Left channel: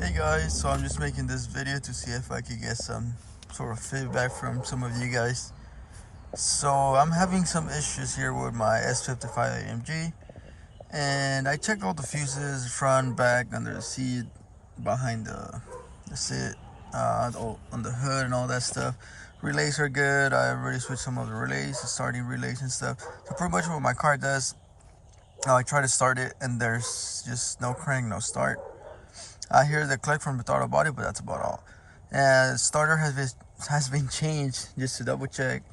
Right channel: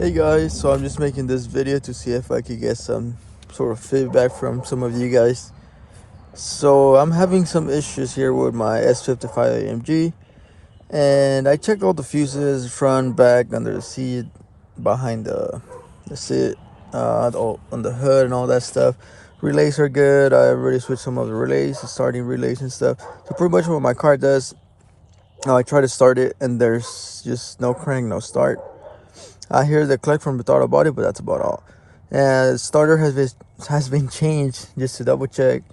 Hey guys, so I'm just making this video to see if I could get some sort of feedback from some of you guys. So I'm having some issues here with my S55 AMG, and I checked all the fuses, front, back, under the seat, behind the seat, on the hood and all that stuff. Relays are good. I already switched some of the relays, the starting relays and stuff. So pretty much what my car does, I try to start it and there's just no crank, no start. I hear the click from the throttle body, but that's about all. And starter has been changed just to double check.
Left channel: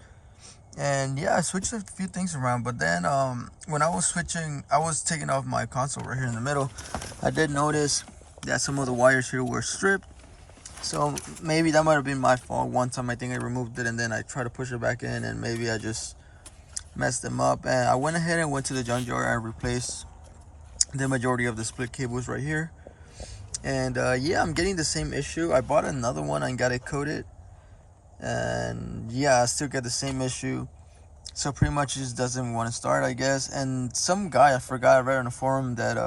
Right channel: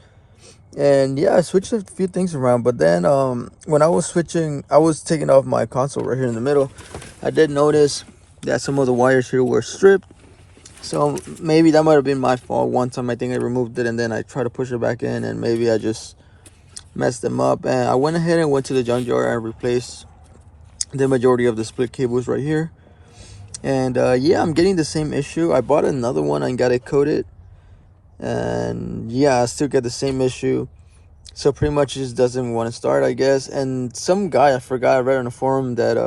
And yeah, I switched a few things around, but then when I was switching, I was taking off my console right here in the middle. I did notice that some of the wires here were stripped. So maybe that might have been my fault. One time I think I removed it and then I tried to push it back in and maybe I just messed them up. And I went ahead and went to the junkyard and replaced the majority of the split cables right here. And yeah, I'm getting the same issue. I bought another one and got it coated, and yeah, I still get the same issue. So pretty much it just doesn't want to start, I guess. And some guy, I forgot, I read on the forum that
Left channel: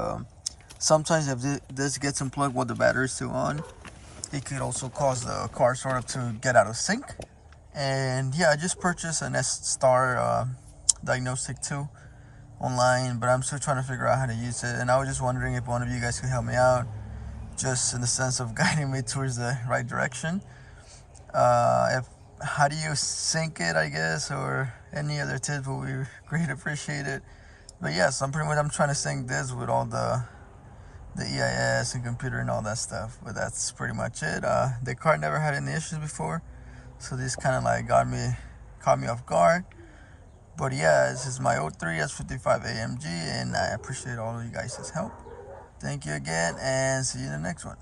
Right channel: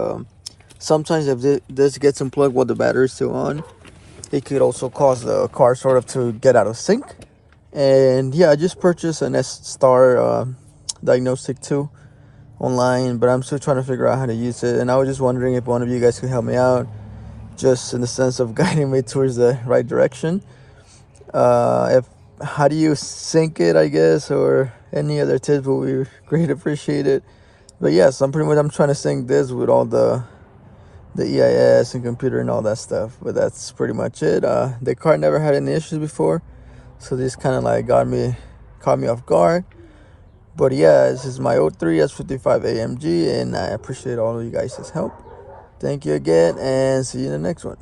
sometimes if this gets unplugged while the battery is still on, it could also cause the car sort of to get out of sync. And yeah, I just purchased an S-Star Diagnostic 2 online, but I'm still trying to figure out how to use it. And I was just wondering if one of you guys could help me out, just in the sense of guiding me towards the right direction. If how do you sync it, I guess, or any other tips would be great appreciated. But yes, I'm trying to sync this with all the EIS and computer and all that stuff. But that's pretty much it. The car never had any issues before, so this kind of like caught me off guard. But yeah, this is my 03 S55 AMG, and I appreciate all of you guys' help. Thank you again, and see you in the next one.